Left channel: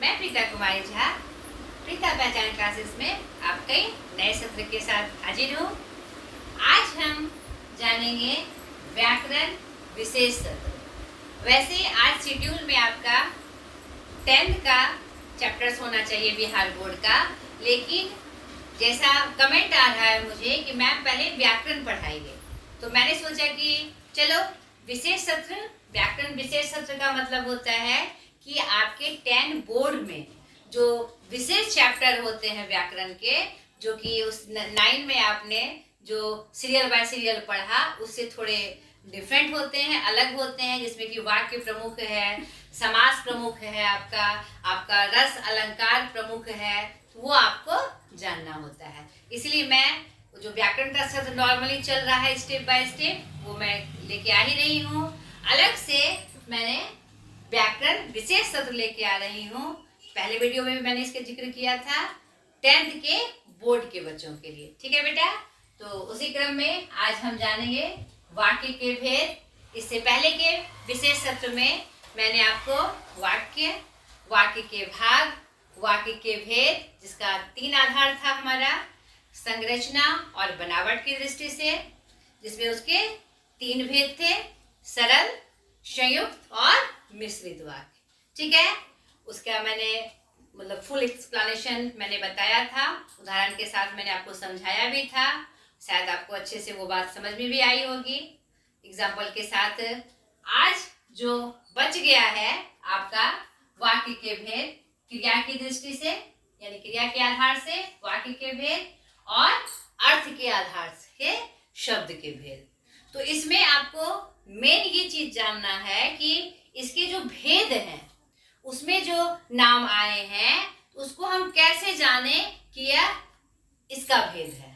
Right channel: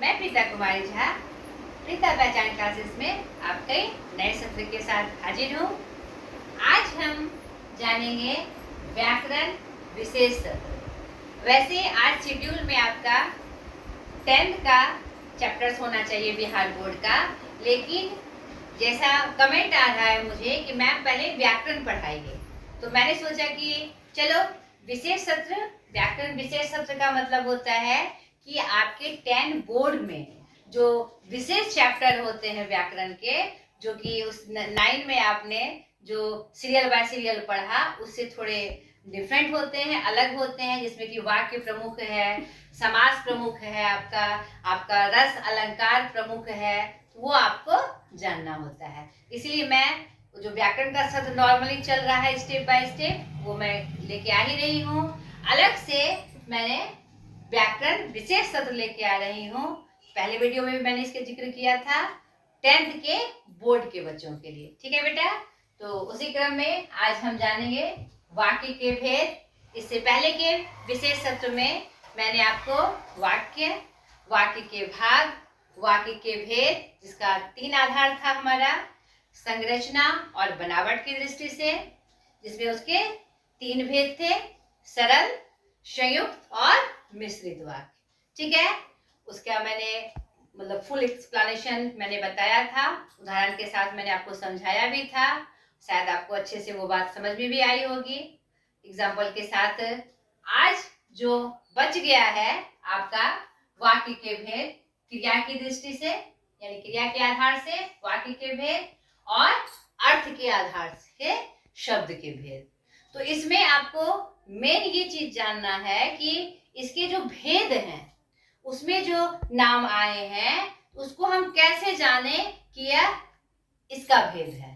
मैं प्रीता कुमारी झा प्रीता पहचान क्लासेस में आपके नए सत्र के साथ हाजिर हूँ। आज हम जानेंगे व्याकरण विशेष सत्र। वैसे आज शेड्यूल में आपका 10th का चैप्टर्स होना चाहिए बिहार बोर्ड का, लेकिन जैसा कमेंट आ रहा है मुझे कि मैम पहले व्याकरण पढ़ाइए, तो मैंने सोचा कि चलो विशेष सत्र। व्याकरण विशेष सत्र का मतलब होता है कि आपके 10 बोर्ड में जो विशेष चैप्टर होते हैं व्याकरण के, जो कि उस 9 में आपने जो सीरियल बाय सीरियल पढ़ा उससे थोड़े डिफरेंट होते हैं, अलग होते हैं, जिसमें कि वाक्य प्रमुख है, समास प्रमुख है, आपका रस अलंकार प्रमुख है, वो आपको जानना होता है। इसलिए मैं जो व्याकरण का सत्र नॉर्मली चल रहा है स्टेप बाय स्टेप, वो मैं लेके आ ही रही हूँ। अलग से मैंने व्याकरण विशेष सत्र लेके आ रही हूँ। पहले वीडियो में भी मैंने इसका जिक्र किया था 10th के बोर्ड के बच्चों के लिए। ठीक है बेटा, तो उसी क्रम में आज हम जानेंगे वाक्य के भेद। इससे पहले के विशेष सत्र में मैंने आपको वाक्य, वाक्य के भाग, वाक्य के भेद, जिसका 3 आधार था हमारा, संरचना और बनावट की दृष्टि से, जिसमें उसके 3 भेद थे, सरल, संयुक्त और मिश्रित वाक्य। ठीक है, उसका मैंने मतलब फुल एक्सप्लेनेशन मैंने बताया था, उदाहरण के साथ मैंने आपको समझाया भी था। शायद आपको अच्छे से वो बात समझ में भी आई होगी एग्जाम्पल के साथ। आज जो बच गया है आपका वाक्य के भेद क्रिया की दृष्टि से, यानी क्रिया के आधार से वाक्य के भेद, और अर्थ के आधार से शब्द के भेद। तो इसमें आपको मेन ये चीज जानना है कि इसके जो भेद हैं उसमें जो नाम आए हैं उसको हम कैसे जाने कि यह इसका भेद है,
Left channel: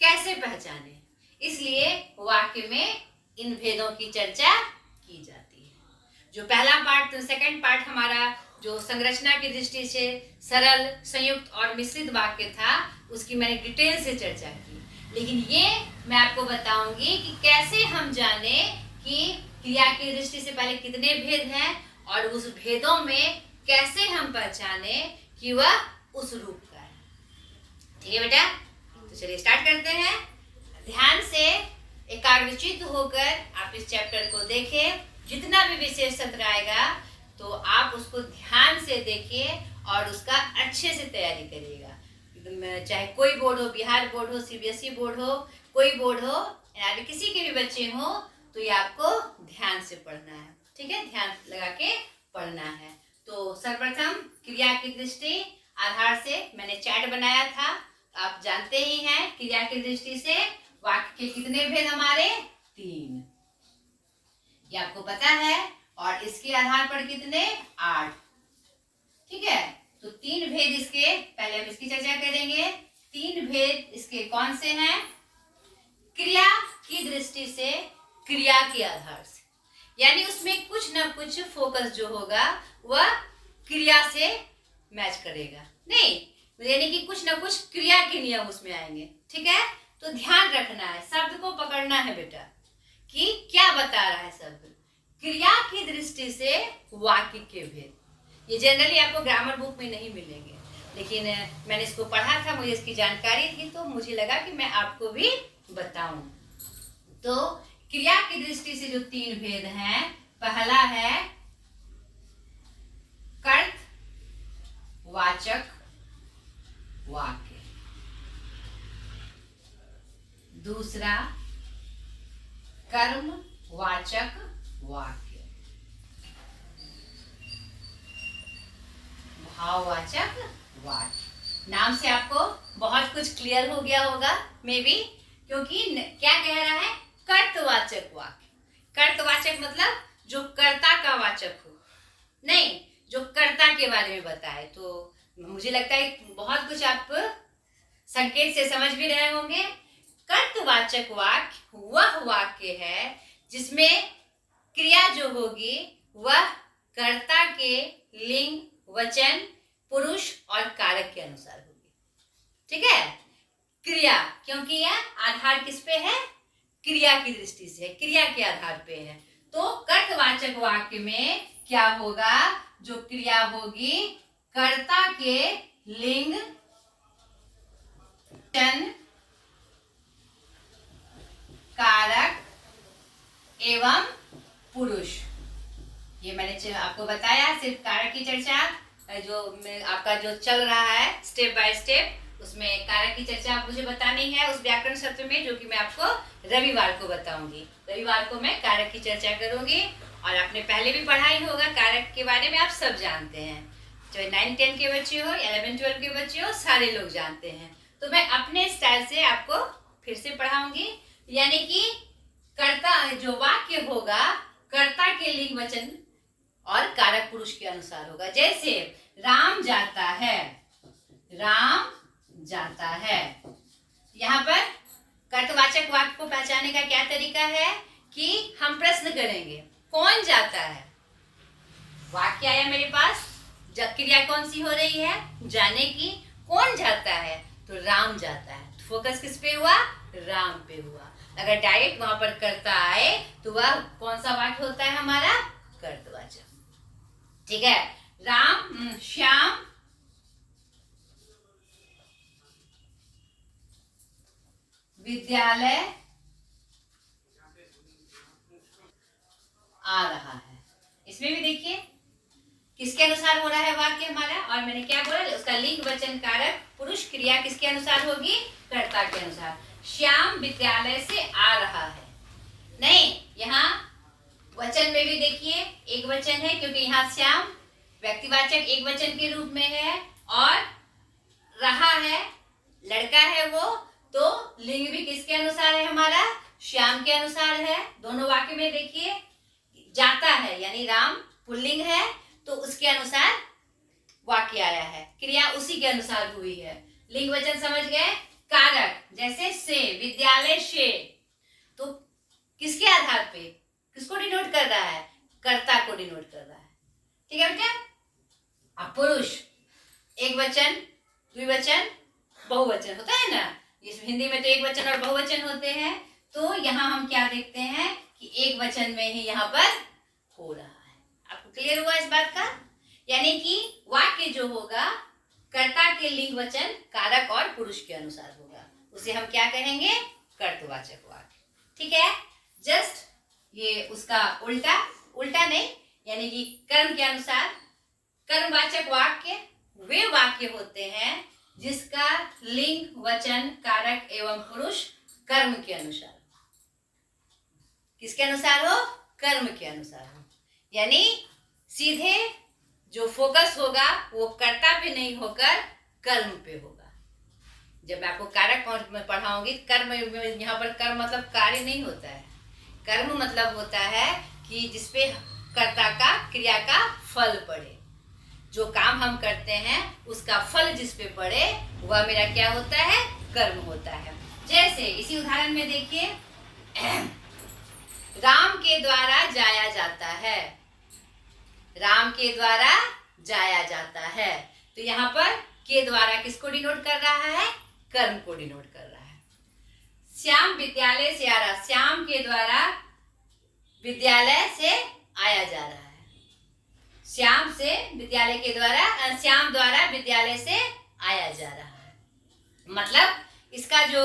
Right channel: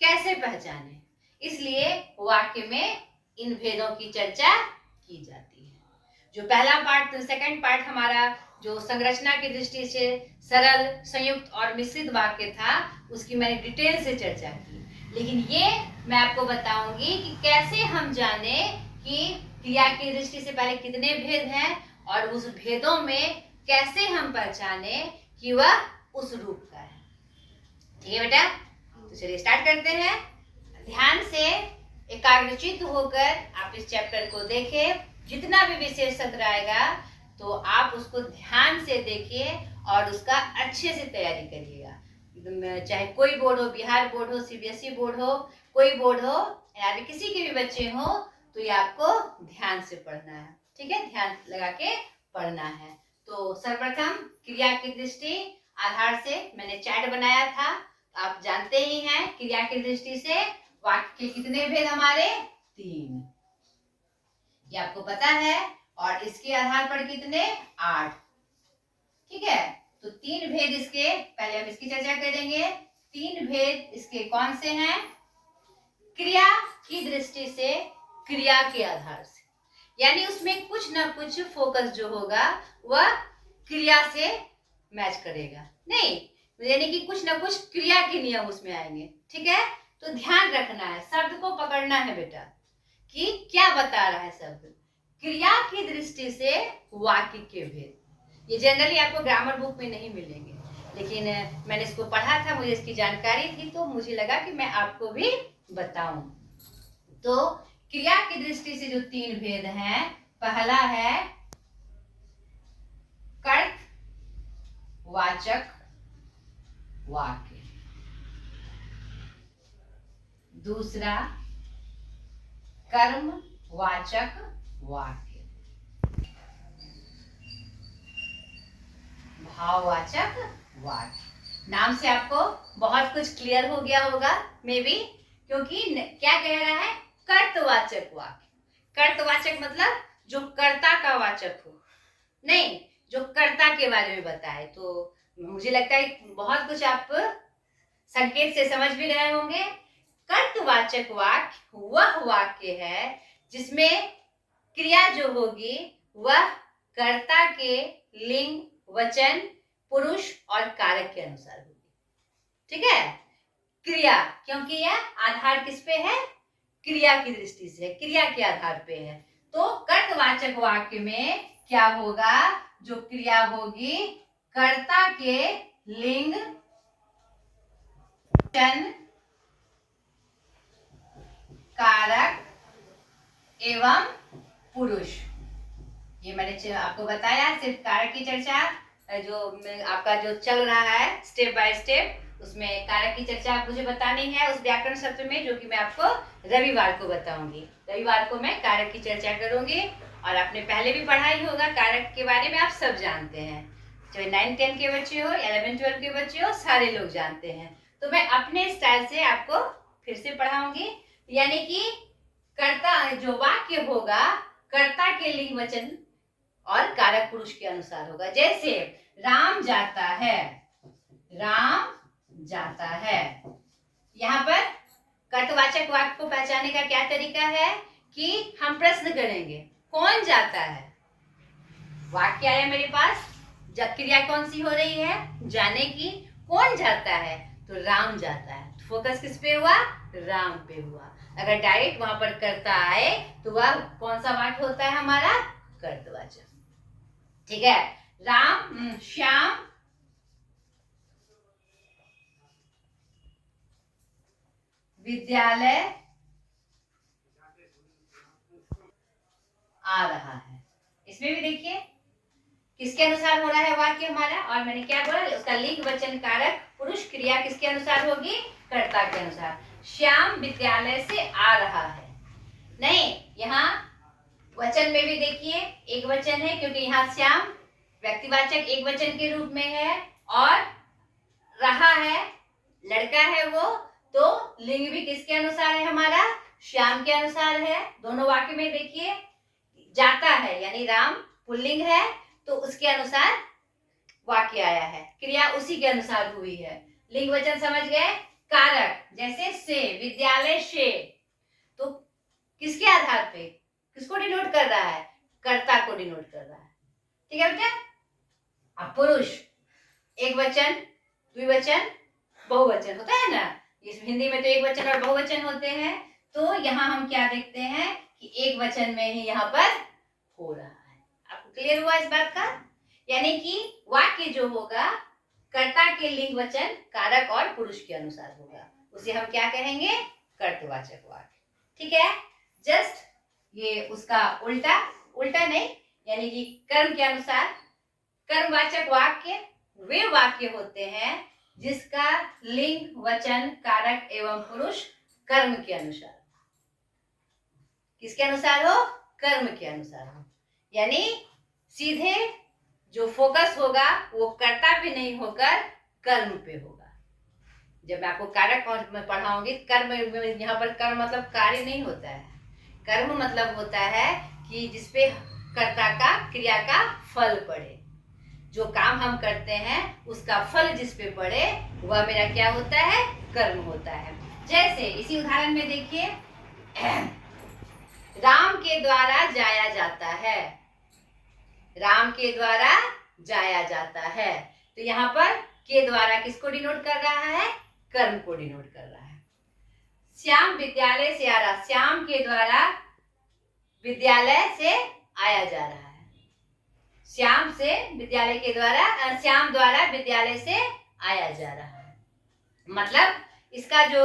कैसे पहचाने। इसलिए वाक्य में इन भेदों की चर्चा की जाती है। जो पहला पार्ट, सेकंड पार्ट हमारा जो संरचना की दृष्टि से सरल, संयुक्त और मिश्रित वाक्य था, उसकी मैंने डिटेल से चर्चा की। लेकिन ये मैं आपको बताऊंगी कि कैसे हम जाने कि क्रिया की दृष्टि से पहले कितने भेद हैं और उस भेदों में कैसे हम पहचाने कि वह उस रूप का है। ठीक है बेटा, तो चलिए स्टार्ट करते हैं। ध्यान से एकाग्रचित होकर आप इस चैप्टर को देखें। जितना भी विशेष सत्र आएगा तो आप उसको ध्यान से देखिए और उसका अच्छे से तैयारी करिएगा। चाहे कोई बोर्ड हो, बिहार बोर्ड हो, सीबीएसई बोर्ड हो, कोई बोर्ड हो, यानी किसी के भी बच्चे हो, तो ये आपको ध्यान से पढ़ना है। ठीक है, ध्यान लगा के पढ़ना है। तो सर्वप्रथम क्रिया की दृष्टि आधार से मैंने चैट बनाया था। आप जानते ही हैं क्रिया की दृष्टि से वाक्य के कितने भेद हमारे 3, ये आपको पता है, और इसके आधार पर कितने 8। ठीक है, तो 3 भेद इसके, पहले हम इसकी चर्चा करेंगे। 3 भेद इसके कौन से हैं? क्रिया की दृष्टि से, क्रिया के आधार से, यानी उसमें कुछ ना कुछ फोकस जो होगा वह क्रिया से मैच करेगा, नहीं यानी कि कुछ ना कुछ क्रिया के नियम उसमें आएंगे। ठीक है, तो ध्यान रखना है, शब्द को पकड़ना है बेटा कि क्या बता रहा है शब्द। क्रिया की दृष्टि से वाक्य के भेद, ये जनरली आपको ग्रामर बुक में नहीं मिलेंगे, लेकिन मैंने इसको पढ़ा था, मुझे इसकी जानकारी थी, तो मुझे लगा कि मैं आपको भी बताऊं। तो क्रिया की दृष्टि से जो 3 भेद हैं, पहला है कर्त वाचक वाक्य, दूसरा कर्म वाचक वाक्य, भाववाचक वाक्य। नाम से आपको बहुत कुछ क्लियर हो गया होगा मे बी, क्योंकि क्या कह रहा है? कर्तवाचक वाक्य। कर्तवाचक मतलब जो कर्ता का वाचक हो, नहीं जो कर्ता के बारे में बताए। तो मुझे लगता है बहुत कुछ आप संकेत से समझ भी रहे होंगे। कर्तवाचक वाक्य वह वाक्य है जिसमें क्रिया जो होगी वह कर्ता के लिंग, वचन, पुरुष और कारक के अनुसार होगी। ठीक है, क्रिया, क्योंकि यह आधार किस पे है? क्रिया की दृष्टि से, क्रिया के आधार पे है। तो कर्तवाचक वाक्य में क्या होगा? जो क्रिया होगी कर्ता के लिंग वचन कारक एवं पुरुष। ये मैंने आपको बताया, सिर्फ कारक की चर्चा जो आपका जो चल रहा है स्टेप बाय स्टेप, उसमें कारक की चर्चा आप मुझे बतानी है उस व्याकरण सत्र में, जो कि मैं आपको रविवार को बताऊंगी। रविवार को मैं कारक की चर्चा करूंगी। और आपने पहले भी पढ़ा ही होगा कारक के बारे में, आप सब जानते हैं, चाहे 9-10 के बच्चे हो, 11-12 के बच्चे हो, सारे लोग जानते हैं। तो मैं अपने स्टाइल से आपको फिर से पढ़ाऊंगी। यानी कि कर्ता जो वाक्य होगा कर्ता के लिंग वचन और कारक पुरुष के अनुसार होगा। जैसे राम जाता है, राम जाता है, यहाँ पर कर्तवाचक वाक्य को पहचानने का क्या तरीका है कि हम प्रश्न करेंगे कौन जाता है। वाक्य आया मेरे पास, जब क्रिया कौन सी हो रही है, जाने की। कौन जाता है, तो राम जाता है। फोकस किस पे हुआ, राम पे हुआ। अगर डायरेक्ट वहां पर कर्ता आए तो वह कौन सा वाक्य होता है हमारा, कर्तवाचक। ठीक है, राम श्याम विद्यालय आ रहा है। इसमें भी देखिए किसके अनुसार हो रहा है वाक्य हमारा, और मैंने क्या बोला, उसका लिंग वचन कारक पुरुष क्रिया किसके अनुसार होगी, कर्ता के अनुसार। श्याम विद्यालय से आ रहा है, नहीं, यहाँ वचन में भी देखिए एक वचन है, क्योंकि यहाँ श्याम व्यक्तिवाचक एक वचन के रूप में है, और रहा है लड़का है वो, तो लिंग भी किसके अनुसार है हमारा, श्याम के अनुसार है। दोनों वाक्य में देखिए जाता है यानी राम पुल्लिंग है, तो उसके अनुसार वाक्य आया है, क्रिया उसी के अनुसार हुई है। लिंग वचन समझ गए। कारक जैसे से, विद्यालय से, तो किसके आधार पे, किसको डिनोट कर रहा है, कर्ता को डिनोट कर रहा है। ठीक है बेटा। अब पुरुष एक वचन, द्विवचन, बहुवचन होता है ना, इस हिंदी में तो एक वचन और बहुवचन होते हैं। तो यहाँ हम क्या देखते हैं कि एक वचन में ही यहाँ पर हो रहा है। आपको क्लियर हुआ इस बात का। यानी कि वाक्य जो होगा कर्ता के लिंग वचन कारक और पुरुष के अनुसार होगा, उसे हम क्या कहेंगे, कर्तवाचक वाक्य। ठीक है। जस्ट ये उसका उल्टा, उल्टा नहीं, यानी कि कर्म के अनुसार। कर्मवाचक वाक्य वे वाक्य होते हैं जिसका लिंग वचन कारक एवं पुरुष कर्म के अनुसार, किसके अनुसार हो, कर्म के अनुसार हो। यानी सीधे जो फोकस होगा वो कर्ता पे नहीं होकर कर्म पे होगा। जब मैं आपको कारक में पढ़ाऊंगी, कर्म यहाँ पर कर्म मतलब कार्य नहीं होता है, कर्म मतलब होता है कि जिसपे कर्ता का क्रिया का फल पड़े, जो काम हम करते हैं उसका फल जिस पे पड़े वह मेरा क्या होता है, कर्म होता है। जैसे इसी उदाहरण में देखिए राम के द्वारा जाया जाता है, राम के द्वारा जाया जाता है, तो यहाँ पर के द्वारा किसको डिनोट कर रहा है, कर्म को डिनोट कर रहा है। श्याम विद्यालय से आ रहा, श्याम के द्वारा विद्यालय से आया जा रहा है, श्याम से विद्यालय के द्वारा, श्याम द्वारा विद्यालय से आया जा रहा है। मतलब इसका जो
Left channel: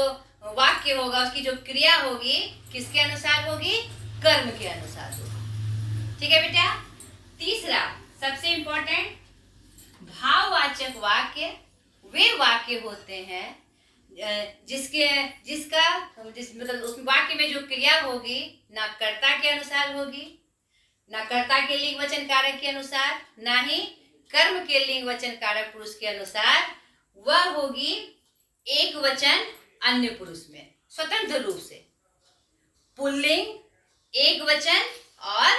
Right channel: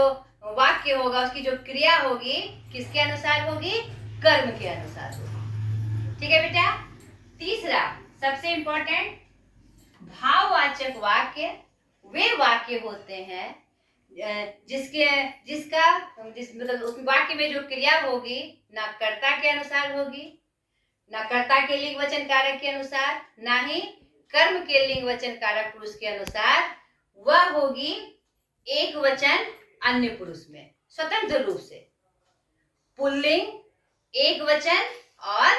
वाक्य होगा उसकी जो क्रिया होगी किसके अनुसार होगी, कर्म के अनुसार होगी। ठीक है बेटा। तीसरा सबसे इंपॉर्टेंट, भाववाचक वाक्य वे वाक्य होते हैं मतलब उस वाक्य में जो क्रिया होगी ना कर्ता के अनुसार होगी, ना कर्ता के लिंग वचन कारक के अनुसार, ना ही कर्म के लिंग वचन कारक पुरुष के अनुसार, वह होगी एक वचन अन्य पुरुष में स्वतंत्र रूप से। पुल्लिंग एक वचन और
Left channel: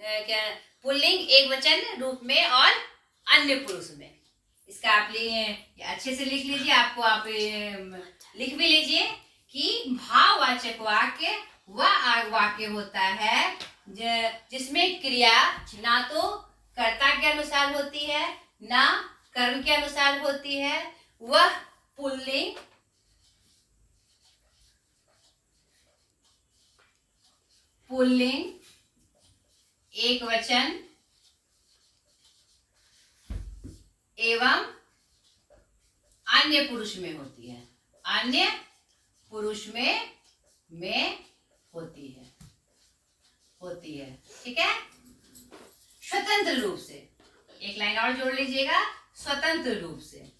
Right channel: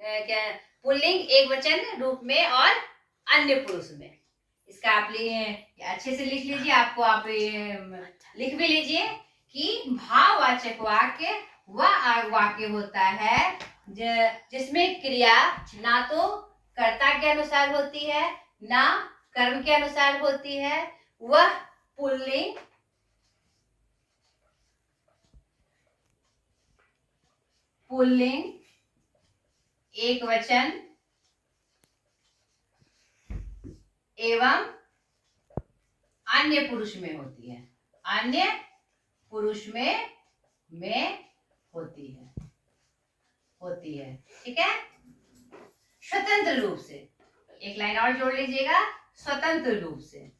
क्या, पुल्लिंग एक वचन रूप में और अन्य पुरुष में। इसका आप अच्छे से लिख लीजिए, आपको आप लिख भी लीजिए कि भाववाचक वाक्य वह वाक्य होता है जिसमें क्रिया ना तो कर्ता के अनुसार होती है ना कर्म के अनुसार होती है, वह पुल्लिंग एक वचन एवं अन्य पुरुष में होती है, अन्य पुरुष में होती है। ठीक है, स्वतंत्र रूप से, एक लाइन और जोड़ लीजिएगा, स्वतंत्र रूप से,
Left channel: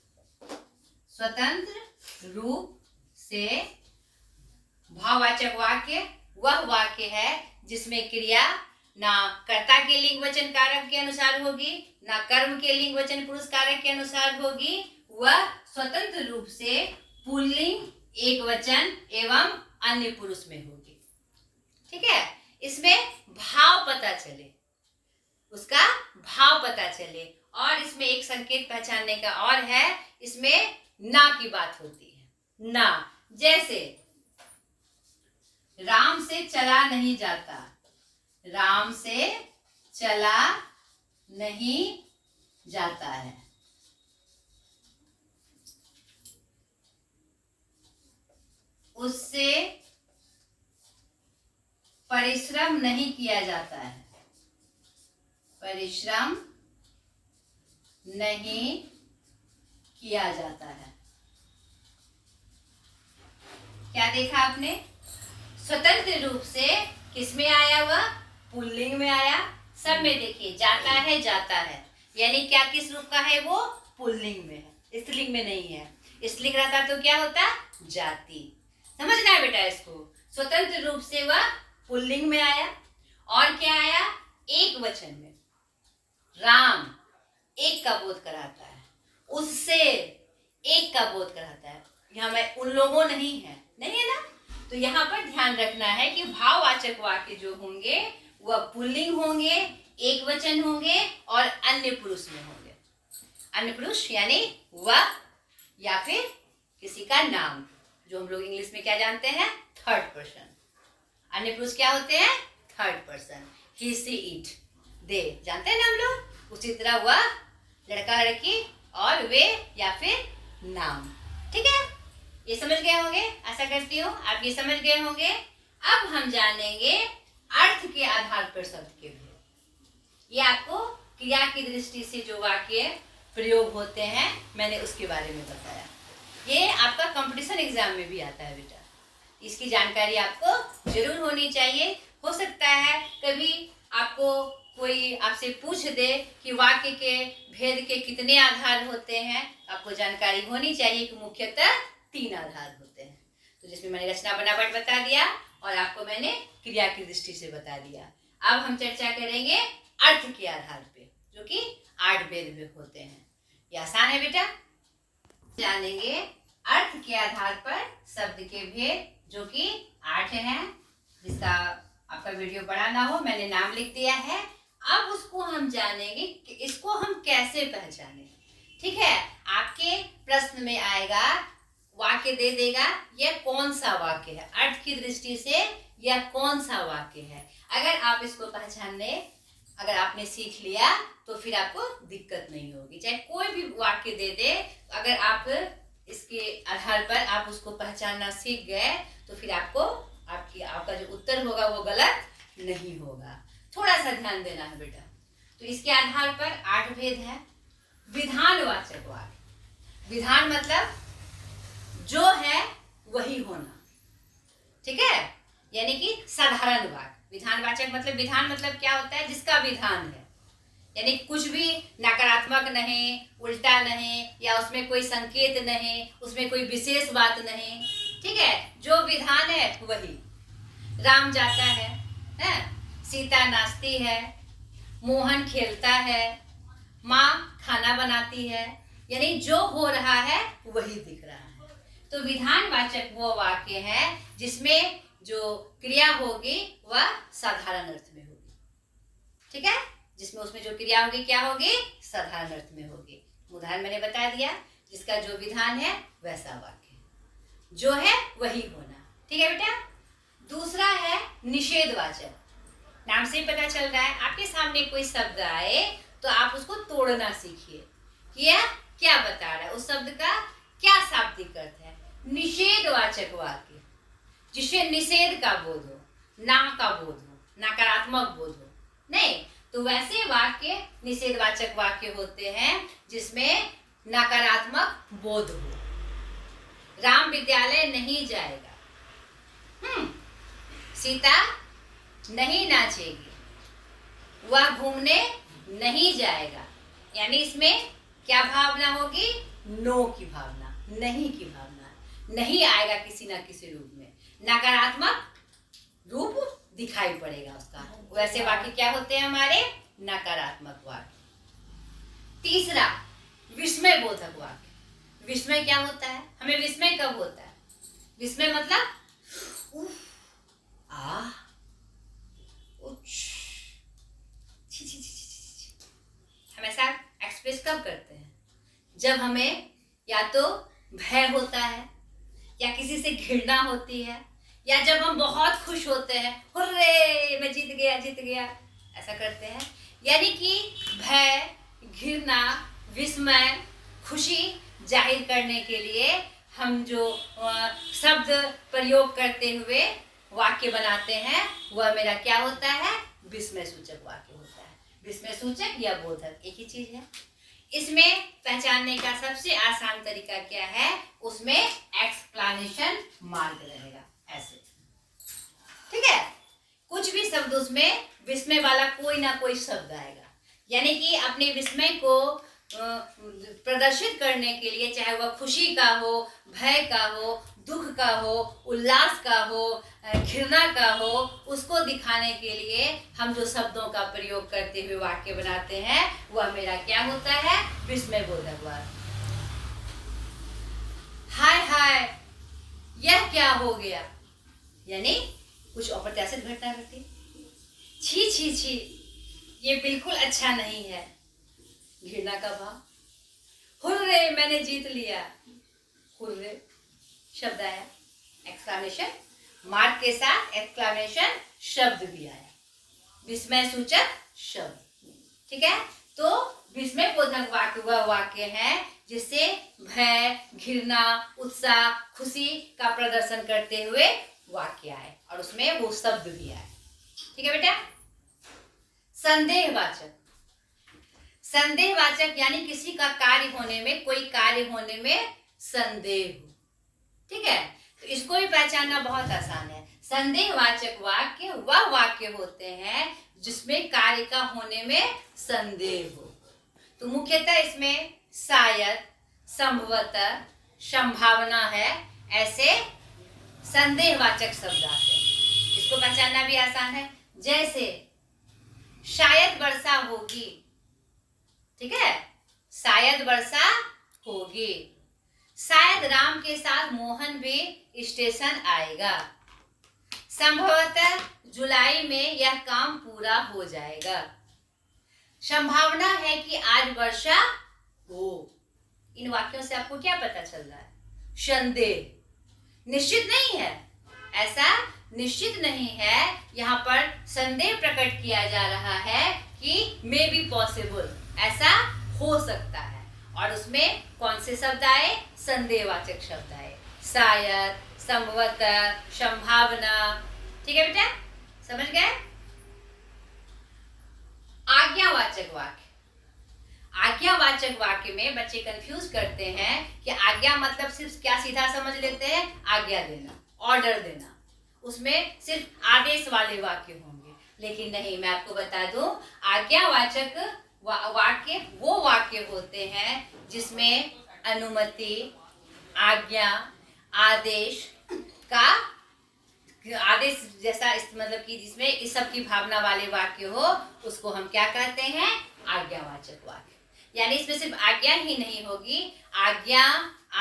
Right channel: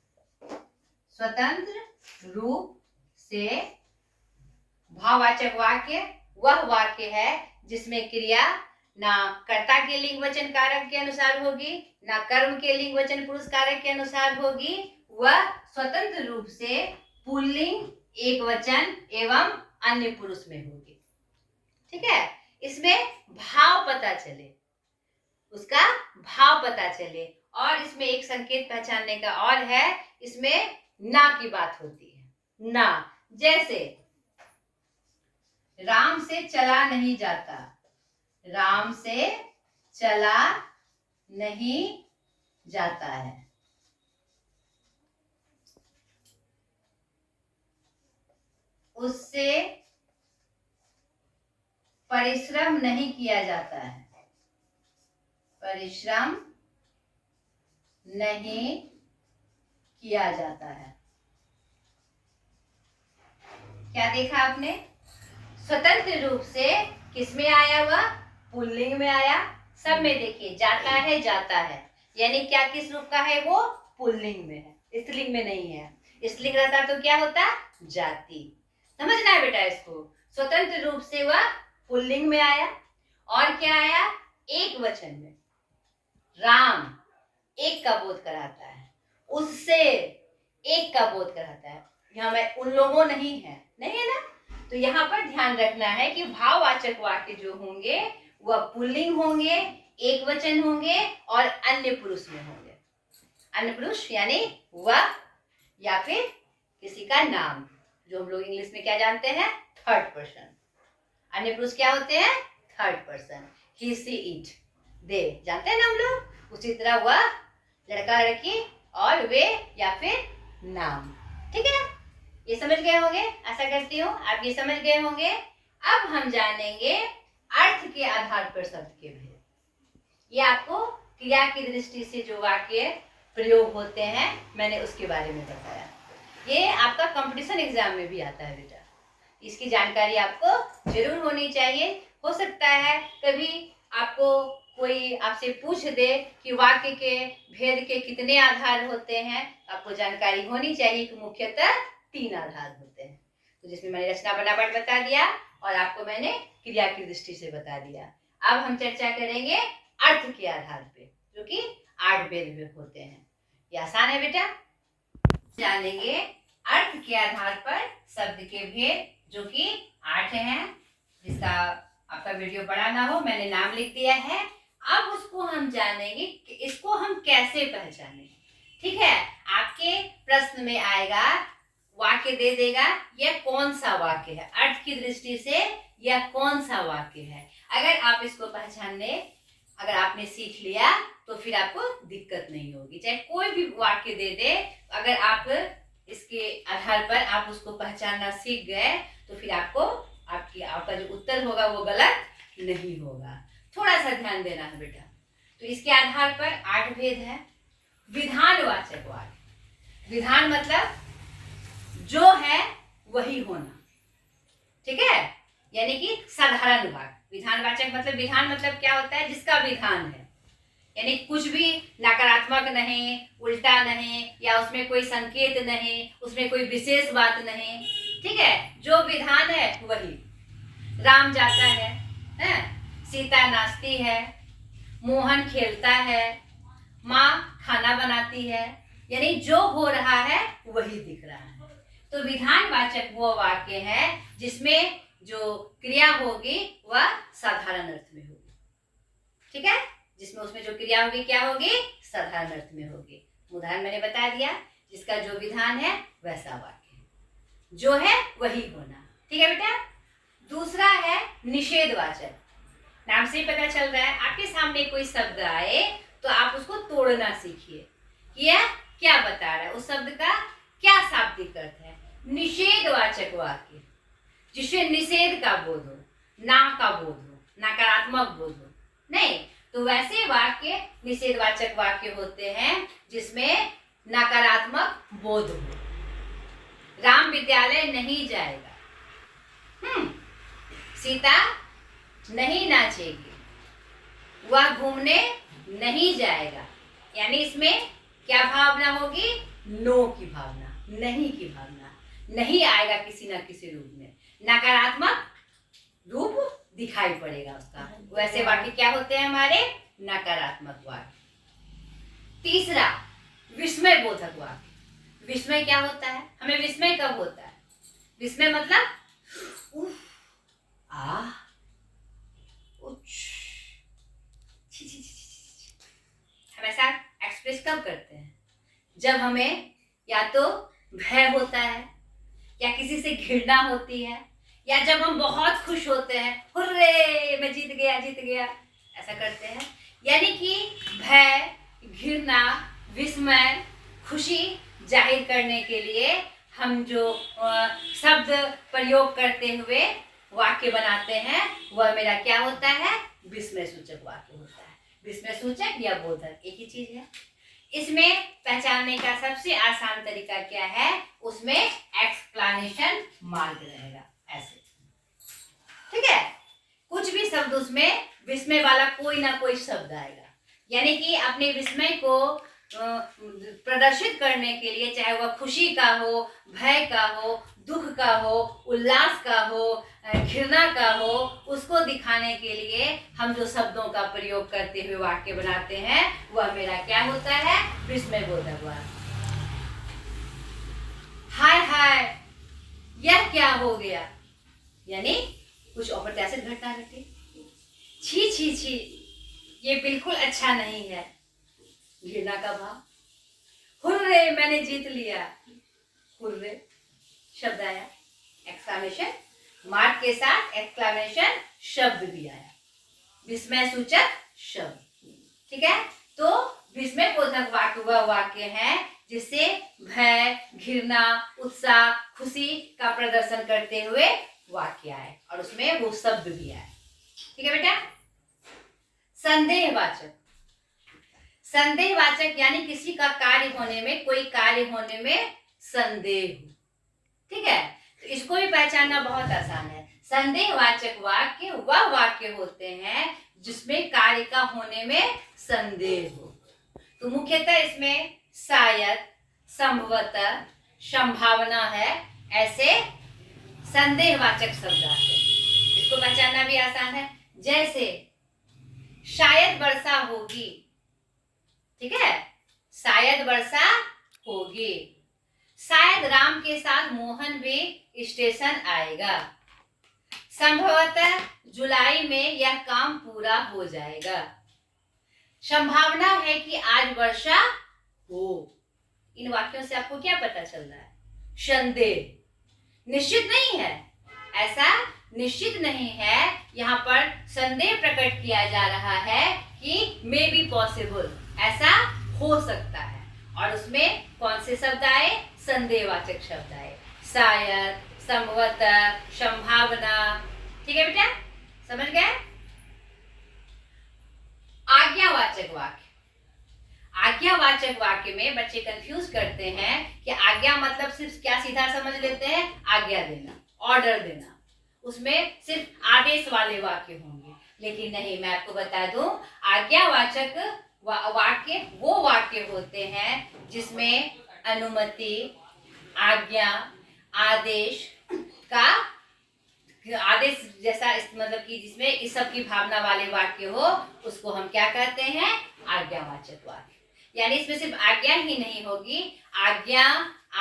स्वतंत्र रूप से भाववाचक वाक्य वह वाक्य है जिसमें क्रिया ना कर्ता के लिंग वचन कारक के अनुसार होगी, ना कर्म के लिंग वचन पुरुष कारक के अनुसार होगी, वह स्वतंत्र रूप से पुल्लिंग, एक वचन एवं अन्य पुरुष में होगी। ठीक है, इसमें भाव पता चले, उसका भाव पता चले। और इसमें एक संकेत पहचानने का और है, इसमें ना की बात होती है, ना। जैसे राम से चला नहीं जाता, राम से चला नहीं जाता है। उससे परिश्रम नहीं किया जाता है, परिश्रम नहीं किया जाता है। क्या देखा आपने? स्वतंत्र रूप से किसमें आया? वह पुल्लिंग में आया। सब में देखिए जाता है, जाता है, यानी क्या किस रूप का है? वो पुल्लिंग में है, स्त्रीलिंग में नहीं है। स्त्रीलिंग रहता तो क्या होता? जाति। समझना है बेटा इसको। स्वतंत्र रूप से वह पुल्लिंग में आया। और क्या आया? एक वचन में। राम एक का बोध कराता है, उससे एक का बोध कराता है। यहाँ में उन लोगों नहीं है, नहीं है ना? तो यहाँ पर ध्यान रखना है कि भाववाचक वाक्य जो होंगे वह पुल्लिंग होंगे, एक वचन होंगे और अन्य पुरुष में होंगे। अन्य पुरुष यानी वह या फिर किसी का नाम, जो हम लोग इंग्लिश में क्या जानते हैं? Third person. अन्य पुरुष क्या होते हैं? Third person. He, she, it, they, जानते हैं ना हम लोग? उसी तरह वह, लड़का, लड़की और वे या फिर नाम। ठीक है, ये समझ गए होंगे, आशा करती हूँ आप ये समझ गए होंगे। अब हम जानेंगे अर्थ के आधार पर शब्द के भेद। ये आपको क्रिया की दृष्टि से जो वाक्य प्रयोग होते हैं मैंने उसके बारे में बताया। ये आपका कंपटीशन एग्जाम में भी आता है बेटा, इसकी जानकारी आपको जरूर होनी चाहिए। हो सकता है कभी आपको कोई आपसे पूछ दे कि वाक्य के भेद के कितने आधार होते हैं, आपको जानकारी होनी चाहिए कि मुख्यतः 3 आधार होते हैं। तो जिसमें मैंने रचना बनावट बता दिया और आपको मैंने क्रिया की दृष्टि से बता दिया। अब हम चर्चा करेंगे अर्थ के आधार पे, जो कि 8 भेद में होते हैं। ये आसान है बेटा। जानेंगे अर्थ के आधार पर शब्द के भेद, जो कि 8 हैं। जिसका आपका वीडियो बड़ा ना हो, मैंने नाम लिख दिया है। अब उसको हम जानेंगे कि इसको हम कैसे पहचानें। ठीक है, आपके प्रश्न में आएगा, वाक्य दे देगा, यह कौन सा वाक्य है, अर्थ की दृष्टि से यह कौन सा वाक्य है। अगर आप इसको पहचानने, अगर आपने सीख लिया तो फिर आपको दिक्कत नहीं होगी। चाहे कोई भी वाक्य दे दे, अगर आप इसके आधार पर आप उसको पहचानना सीख गए तो फिर आपका जो उत्तर होगा वो गलत नहीं होगा। थोड़ा सा ध्यान देना है बेटा। तो इसके आधार पर 8 भेद हैं। विधानवाचक वाक्य, विधान मतलब जो है वही होना। ठीक है, यानी कि साधारण वाक्य। विधानवाचक मतलब, विधान मतलब क्या होता है? जिसका विधान है, यानी कुछ भी नकारात्मक नहीं, उल्टा नहीं, या उसमें कोई संकेत नहीं, उसमें कोई विशेष बात नहीं। ठीक है, जो विधान है वही। राम जाता है, सीता नाचती है, मोहन खेलता है, माँ खाना बनाती है, यानी जो हो रहा है वही दिख रहा है। तो विधानवाचक वो वाक्य है जिसमें जो क्रिया होगी वह साधारण अर्थ में होगी। ठीक है, जिसमें उसमें जो क्रिया होगी क्या होगी? साधारण अर्थ में होगी। उदाहरण मैंने बता दिया, जिसका जो विधान है वैसा वाक्य, जो है वही होना। ठीक है बेटा। दूसरा है निषेधवाचक। नाम से ही पता चल रहा है, आपके सामने कोई शब्द आए तो आप उसको तोड़ना सीखिए कि यह क्या बता रहा है, उस शब्द का क्या शाब्दिक अर्थ है। निषेधवाचक वाक्य, जिससे निषेध का बोध हो, ना का बोध हो, नकारात्मक बोध हो, नहीं, तो वैसे वाक्य निषेधवाचक वाक्य होते हैं जिसमें नकारात्मक बोध हो। राम विद्यालय नहीं जाएगा। सीता नहीं नाचेगी। वह घूमने नहीं जाएगा। यानी इसमें क्या भावना होगी? नो की भावना, नहीं की भावना। नहीं आएगा किसी न किसी रूप में, नकारात्मक रूप दिखाई पड़ेगा उसका। वैसे वाक्य क्या होते हैं हमारे? नकारात्मक वाक्य। तीसरा, विस्मय बोधक वाक्य। विस्मय क्या होता है? हमें विस्मय कब होता है? विस्मय मतलब उफ, आ, उच, छी, छी, छी, छी, छी। हम ऐसा एक्सप्रेस कब करते हैं? जब हमें या तो भय होता है, या किसी से घृणा होती है, या जब हम बहुत खुश होते हैं, हुर्रे मैं जीत गया जीत गया, ऐसा करते हैं। यानी कि भय, घृणा, विस्मय, खुशी जाहिर करने के लिए हम जो शब्द प्रयोग करते हुए वाक्य बनाते हैं वह मेरा क्या होता है? विस्मय सूचक वाक्य होता है। विस्मय सूचक या बोधक एक ही चीज है। इसमें पहचानने का सबसे आसान तरीका क्या है? उसमें एक्सक्लेमेशन मार्क रहेगा, ऐसे। ठीक है, कुछ भी शब्द उसमें विस्मय वाला कोई ना कोई शब्द आएगा। यानी कि अपने विस्मय को प्रदर्शित करने के लिए, चाहे वह खुशी का हो, भय का हो, दुख का हो, उल्लास का हो, घृणा का हो, उसको दिखाने के लिए हम जो शब्दों का प्रयोग करते हुए वाक्य बनाते हैं वह मेरा क्या होता है? विस्मय बोधक वाक्य। हाय हाय यह क्या हो गया, यानी कुछ अप्रत्याशित घटना घटी। छी छी छी ये बिल्कुल अच्छा नहीं है, घृणा का भाव। हुर्रे मैंने जीत लिया, हुर्रे शब्द आया, एक्सक्लेमेशन मार्क के साथ एक्सक्लेमेशन शब्द भी आया, विस्मय सूचक शब्द। ठीक है, तो विस्मय बोधक वाक्य वह वाक्य है जिससे भय, घृणा, उत्साह, खुशी का प्रदर्शन करते हुए वाक्य आए और उसमें वो शब्द भी आए। ठीक है बेटा। संदेहवाचक, संदेहवाचक यानी किसी का कार्य होने में, कोई कार्य होने में संदेह हो। ठीक है, तो इसको भी पहचानना बहुत आसान है। संदेहवाचक वाक्य वह वाक्य होते हैं जिसमें कार्य का होने में संदेह हो। तो मुख्यतः इसमें शायद, संभवतः, संभावना है, ऐसे संदेहवाचक शब्द आते हैं। इसको पहचानना भी आसान है। जैसे शायद वर्षा होगी, ठीक है, शायद वर्षा होगी। शायद राम के साथ मोहन भी स्टेशन आएगा। संभवतः जुलाई में यह काम पूरा हो जाएगा। संभावना है कि आज वर्षा हो। इन वाक्यों से आपको क्या पता चल रहा है? संदेह, निश्चित नहीं है, ऐसा निश्चित नहीं है। यहाँ पर संदेह प्रकट किया जा रहा है कि मे बी पॉसिबल, ऐसा हो सकता है। और उसमें कौन से शब्द आए? संदेहवाचक शब्द आए, शायद, संभवतः, संभावना। ठीक है बेटा, समझ गए? आज्ञावाचक वाक्य, आज्ञावाचक वाक्य में बच्चे कंफ्यूज करते हैं कि आज्ञा मतलब सिर्फ क्या सीधा समझ लेते हैं? आज्ञा देना, ऑर्डर देना, उसमें सिर्फ आदेश वाले वाक्य होंगे। लेकिन नहीं, मैं आपको बता दूं, आज्ञावाचक वाक्य वो वाक्य होते हैं जिसमें अनुमति, आज्ञा, आदेश का आदेश जैसा, मतलब कि जिसमें इस सब की भावना वाले वाक्य हो, उसको हम क्या कहते हैं? आज्ञावाचक वाक्य। यानी इसमें सिर्फ आज्ञा ही नहीं होगी, आज्ञा,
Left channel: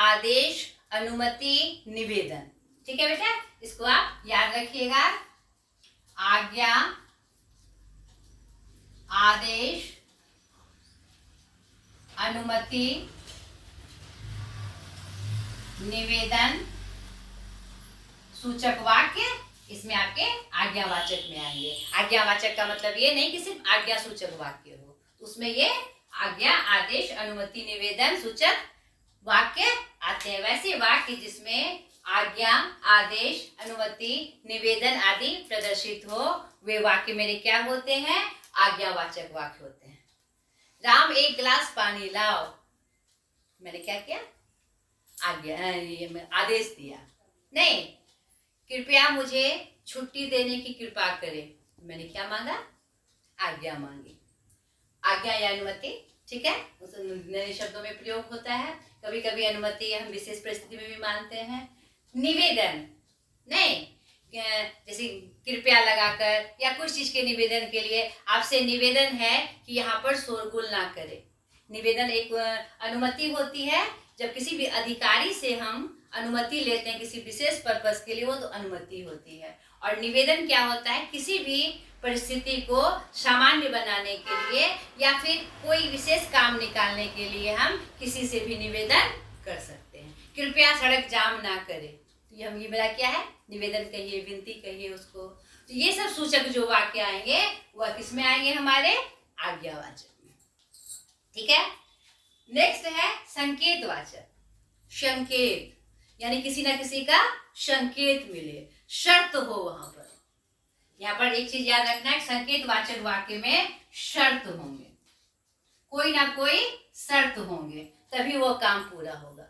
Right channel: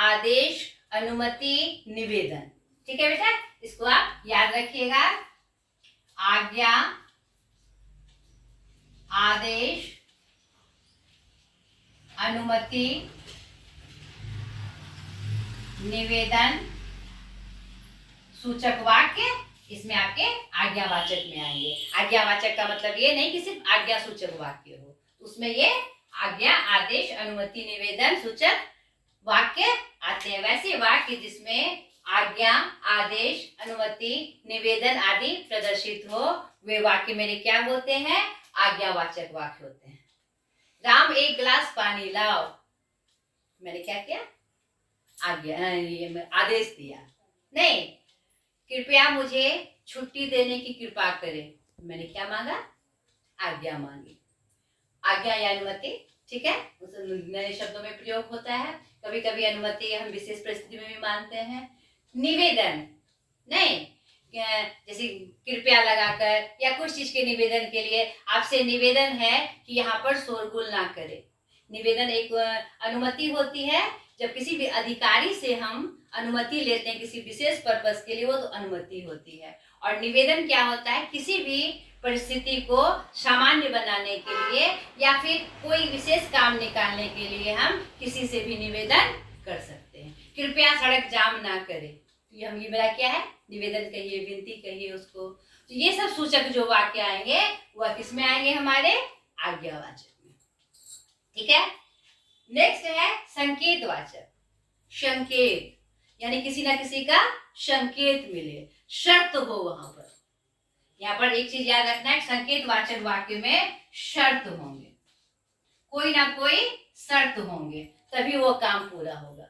आदेश, अनुमति, निवेदन। ठीक है बेटा, इसको आप याद रखिएगा। आज्ञा, आदेश, अनुमति, निवेदन सूचक वाक्य इसमें आपके आज्ञावाचक में आएंगे। आज्ञावाचक का मतलब ये नहीं कि सिर्फ आज्ञा सूचक वाक्य हो, उसमें ये आज्ञा, आदेश, अनुमति, निवेदन सूचक वाक्य आते हैं। वैसे वाक्य जिसमें आज्ञा, आदेश, अनुमति, निवेदन आदि प्रदर्शित हो, वे वाक्य मेरे क्या होते हैं? आज्ञावाचक वाक्य होते हैं। राम एक गिलास पानी लाओ, मैंने क्या किया? आदेश दिया। नहीं, कृपया मुझे छुट्टी देने की कृपा करें, मैंने क्या मांगा? आज्ञा मांगी। आज्ञा या अनुमति, ठीक है, उस नए शब्दों में प्रयोग होता है। कभी कभी अनुमति हम विशेष परिस्थिति में भी मानते हैं। निवेदन, नहीं, जैसे कृपया लगाकर या कुछ चीज के निवेदन के लिए आपसे निवेदन है कि यहाँ पर शोरगुल ना करे। निवेदन एक अनुमति होती है। जब किसी भी अधिकारी से हम अनुमति लेते हैं किसी विशेष पर्पस के लिए, वो तो अनुमति होती है। और निवेदन क्या होता है? किसी भी परिस्थिति को सामान्य बनाने के लिए या फिर कोई विशेष काम निकालने के लिए हम किसी से भी निवेदन कर सकते हैं। कृपया सड़क जाम ना करे, तो ये मेरा क्या है? निवेदन कहिए, विनती कहिए उसको। तो ये सब सूचक जो वाक्य आएंगे वह किस में आएंगे? हमारे आज्ञावाचक में, ठीक है। नेक्स्ट है संकेतवाचक। संकेत यानी किसी ना किसी का संकेत मिले, शर्त हो वहां पर। यहाँ पर एक चीज याद रखना है, संकेतवाचक वाक्य में शर्त होंगे, कोई ना कोई शर्त होंगे, तभी वो काम पूरा होगा।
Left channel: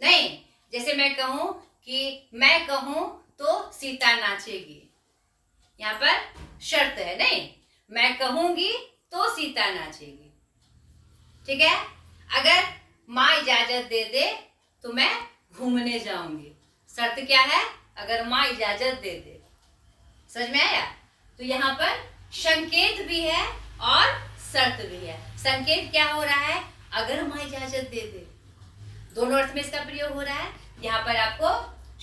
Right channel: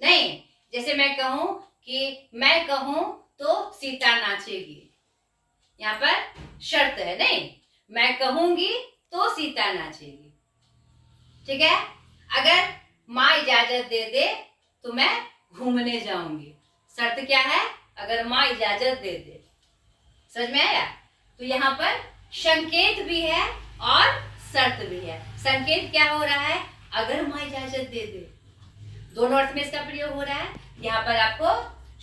नहीं, जैसे मैं कहूं कि मैं कहूं तो सीता नाचेगी, यहाँ पर शर्त है। नहीं, मैं कहूंगी तो सीता नाचेगी, ठीक है। अगर माँ इजाजत दे दे तो मैं घूमने जाऊंगी, शर्त क्या है? अगर माँ इजाजत दे दे। समझ में आया? तो यहाँ पर संकेत भी है और शर्त भी है। संकेत क्या हो रहा है? अगर माँ इजाजत दे दे, दोनों अर्थ में इसका प्रयोग हो रहा है। यहाँ पर आपको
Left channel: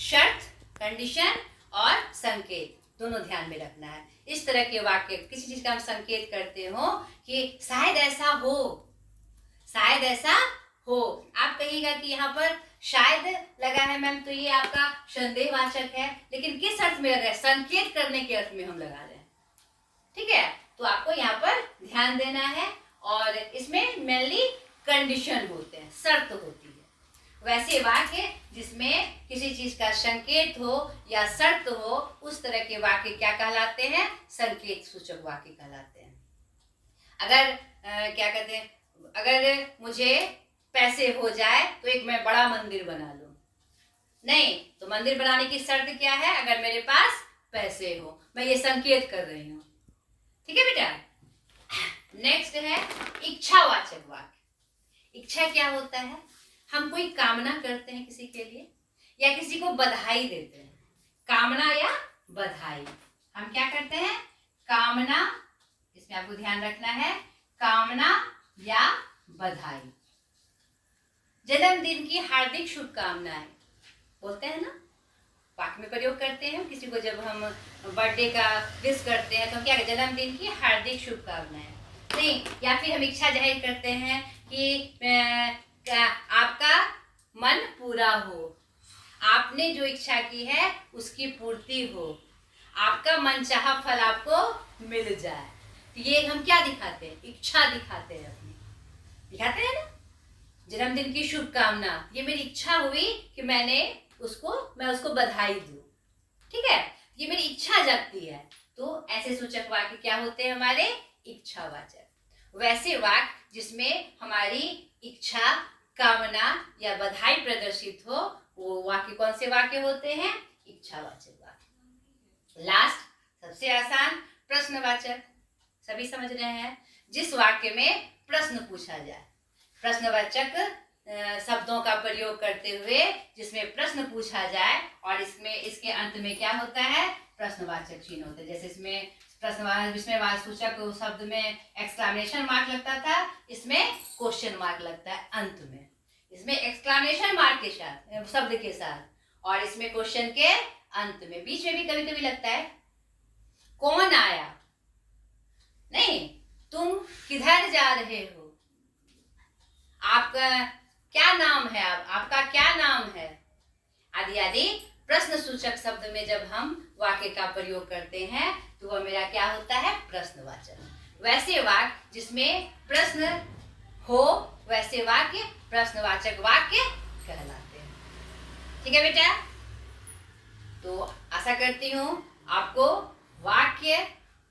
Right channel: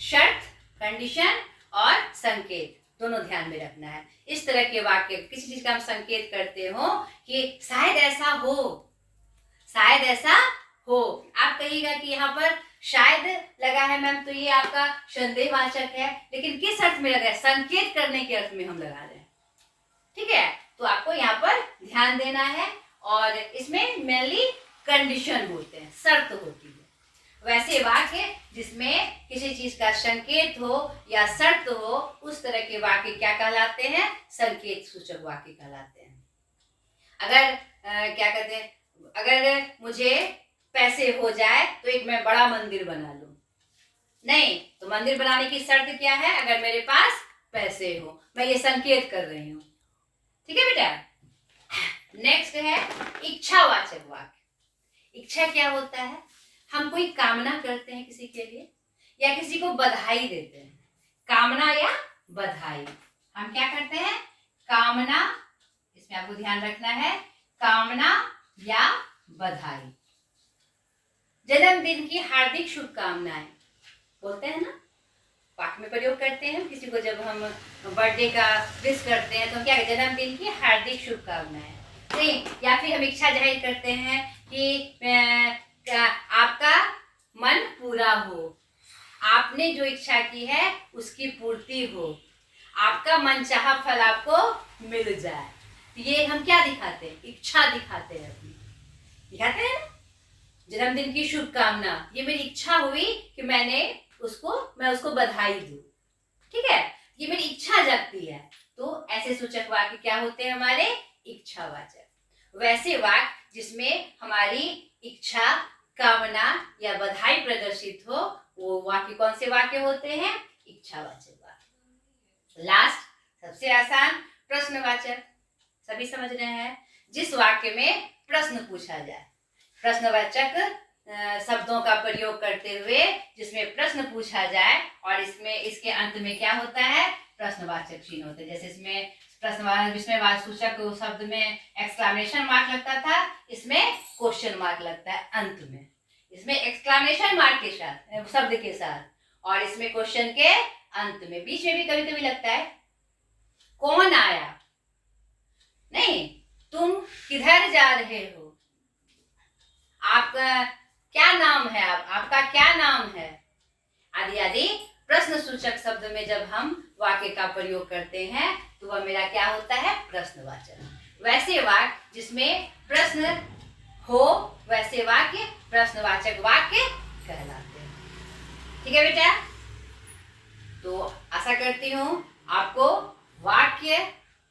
शर्त, कंडीशन और संकेत दोनों ध्यान में रखना है। इस तरह के वाक्य, किसी चीज का हम संकेत करते हो कि शायद ऐसा हो, शायद ऐसा हो। आप कहिएगा कि यहाँ पर शायद लगा है मैम, तो ये आपका संदेहवाचक है, लेकिन किस अर्थ में लगा है? संकेत करने के अर्थ में हम लगा रहे हैं, ठीक है। तो आपको यहाँ पर ध्यान देना है। और इसमें मेनली कंडीशन होते हैं, शर्त होती है। वैसे वाक्य जिसमें किसी चीज का संकेत हो या शर्त हो, उस तरह के वाक्य क्या कहलाते हैं? संकेत सूचक वाक्य कहलाते हैं। अगर क्या कहते हैं, अगर मुझे पैसे हो जाए तो एक मैं बड़ा मंदिर बना लूं। नहीं, तो मंदिर बनाने की शर्त क्या है? अगर मेरे पास पैसे हो। मैं ये संकेत कर रही हूँ, ठीक है बेटा। नेक्स्ट है इच्छावाचक वाक्य। इच्छा क्या होता है? हम कोई कामना करते हैं किसी के लिए या किसी को बधाई देते हैं। कामना या बधाई, हम क्या करते हैं? कामना, इसमें आपको ध्यान रखना है, कामना या बधाई। जन्मदिन की हार्दिक शुभकामनाएं बोलते हैं ना, वाक्य में प्रयोग करते हैं। किसी को जब हम बर्थडे का विश करते हैं तो क्या कहते हैं? जन्मदिन की हार्दिक शुभकामनाएं। नहीं, या फिर हम इच्छा जाहिर करते हैं कि आपका मन पूरा हो, आपने जो इच्छा की है उसकी पूर्ति हो, आपका मनचाहा फल आपको मिल जाए। ये हम क्या दिखाते हैं? इच्छा दिखाते हैं अपनी, दिखाते हैं ना। जन्मदिन की शुभकामना, ये मेरी इच्छा हुई कि मैं उसको बधाई दूं, ठीक है, ये मेरी इच्छा जगती है। तो ऐसे सूचक वाक्य क्या होते हैं? हमारे इच्छावाचक। वैसे वाक्य जिसमें हमारी इच्छा, कामना या बधाई प्रदर्शित हो, वो वाक्य कौन से वाक्य होते हैं? इच्छावाचक वाक्य। लास्ट, सबसे आसान, प्रश्नवाचक। सभी समझ रहे हैं? जिस वाक्य में प्रश्न पूछा जाए, प्रश्नवाचक शब्दों का प्रयोग करते हुए जिसमें प्रश्न पूछा जाए, और इसमें इसके अंत में क्या होता है? प्रश्नवाचक चिन्ह होता है। जैसे इसमें सूचक शब्द में एक्सक्लेमेशन मार्क लगता था, इसमें क्वेश्चन मार्क लगता है अंत में। इसमें एक्सक्लेमेशन मार्क के साथ, शब्द के साथ, और इसमें क्वेश्चन के अंत में। बीच में भी कभी कभी लगता है कौन आया, नहीं, तुम किधर जा रहे हो, आपका क्या नाम है, आपका क्या नाम है, आदि आदि। प्रश्न सूचक शब्द में जब हम वाक्य का प्रयोग करते हैं तो वह मेरा क्या होता है? प्रश्नवाचक। वैसे वाक्य जिसमें प्रश्न हो, वैसे वाक्य प्रश्नवाचक वाक्य कहलाते हैं, ठीक है बेटा। तो आशा करती हूँ आपको वाक्य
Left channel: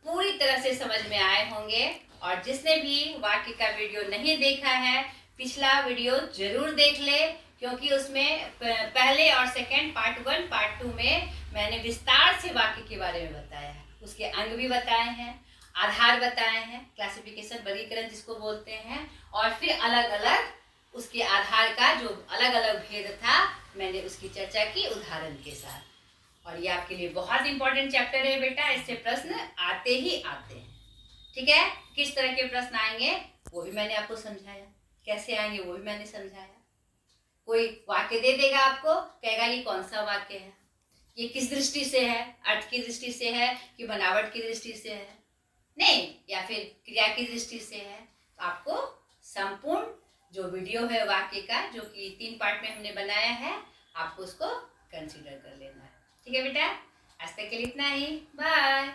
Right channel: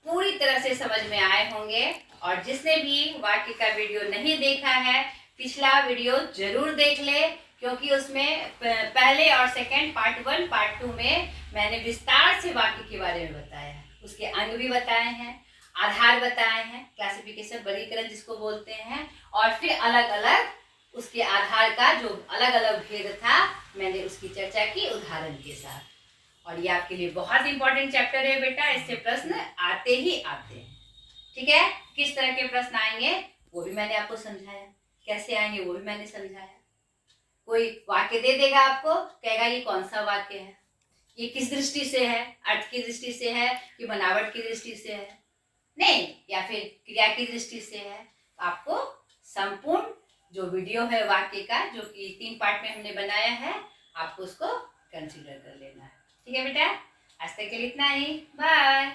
पूरी तरह से समझ में आए होंगे। और जिसने भी वाक्य का वीडियो नहीं देखा है, पिछला वीडियो जरूर देख ले, क्योंकि उसमें पहले और सेकंड पार्ट 1 पार्ट 2 में मैंने विस्तार से वाक्य के बारे में बताया है। उसके अंग भी बताए हैं, आधार बताए हैं, क्लासिफिकेशन वर्गीकरण जिसको बोलते हैं, और फिर अलग अलग उसके आधार का जो अलग अलग भेद था मैंने उसकी चर्चा की उदाहरण के साथ। और ये आपके लिए बहुत इंपॉर्टेंट चैप्टर है बेटा, इससे प्रश्न आते ही आते हैं। ठीक है, किस तरह के प्रश्न आएंगे वो भी मैंने आपको समझाया, कैसे आएंगे वो भी मैंने समझाया। कोई वाक्य दे देगा आपको, कहेगा ये कौन सा वाक्य है, ये किस दृष्टि से है, अर्थ की दृष्टि से है कि बनावट की दृष्टि से है, नहीं, या फिर क्रिया की दृष्टि से है। तो आपको संपूर्ण जो वीडियो है वाक्य का, जो कि 3 पार्ट में हमने बनाया है, आपको उसको कंसीडर कर लेना है। ठीक है बेटा, आज तक के लिए इतना ही, बाय।